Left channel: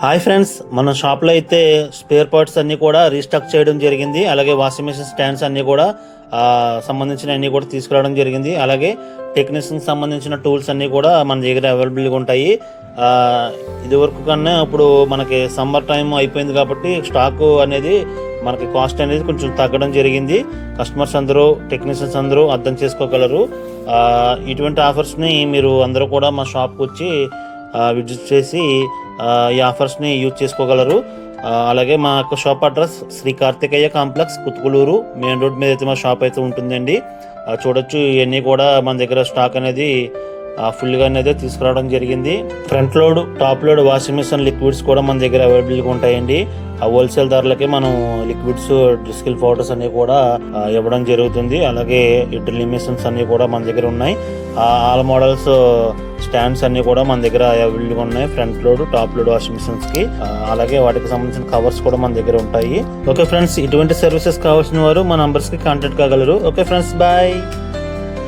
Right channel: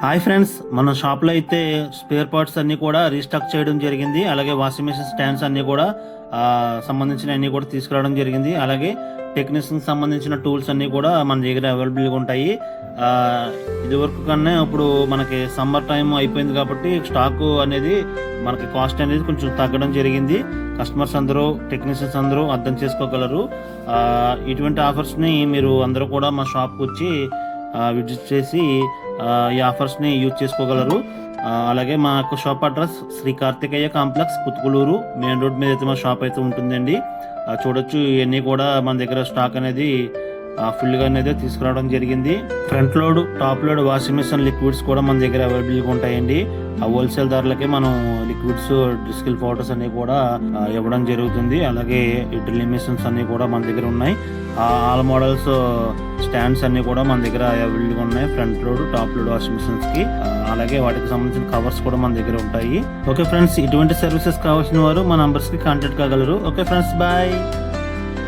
Hi friends, మన షాప్లో అయితే స్పేర్ పార్ట్స్ అన్నీ కూడా రీస్టాక్ చేయడం జరిగింది. అలాగే వాషింగ్ మెషిన్ స్టాండ్స్ అన్నీ కూడా సంబంధించిన అన్నీ కూడా తీసుకురావడం జరిగింది. అలాగే టెక్నీషియన్ సంబంధించిన టూల్స్ అన్నీ కూడా మన దగ్గర అవైలబుల్గా ఉంటాయి. ఇదివరకు కన్నా ఇప్పుడు మనకి సమ్మర్ టైం అయిపోయింది కాబట్టి స్టాక్ అనేది మనకి కాస్ట్ అనేది కొంచెం తగ్గడం జరిగింది. కస్టమర్స్ అందరూ, టెక్నీషియన్స్ అందరూ అర్థం చేసుకోగలరు. ఇటువంటి ఆఫర్స్ని మీరు అందరూ కూడా మా షాప్కి వచ్చి విజిట్ చేసి ఈ ఆఫర్స్ని యూజ్ చేసుకోగలరు. అలాగే మా యొక్క shop address Shri Karthikeya complex, Kuthkuluru main road మీద అయితే మా షాప్ అయితే ఉంటుందండి. చూడొచ్చు, ఇవన్నీ కూడా మన దగ్గర స్టాక్ అనేది ఫుల్గా అనేది తీసుకురావడం జరిగింది. Front load, top load washing machine liquids కూడా మన దగ్గర అవైలబుల్గా ఉంటాయండి. హోల్సేల్ ధరలకి మనం లిక్విడ్స్, డిస్కిల్ పౌడర్స్ అన్ని కూడా ఇవ్వడం జరుగుతుంది. అలాగే డ్రిల్లింగ్ మెషిన్స్ అన్ని కూడా మన దగ్గర ఉన్నాయి. ఆల్ మోడల్స్ స్టాండ్స్ అన్ని కూడా మన దగ్గర అవైలబుల్గా ఉన్నాయి. Front load, top load washing machines కి, అలాగే వాటికి సంబంధించిన కవర్స్ కూడా మన దగ్గర ఉంటాయి. ఓకే ఫ్రెండ్స్, ఇటువంటి సర్వీసెస్ కావాల్సిన వారు మా నంబర్స్ కి కాంటాక్ట్ కాగలరు. Okay friends, bye.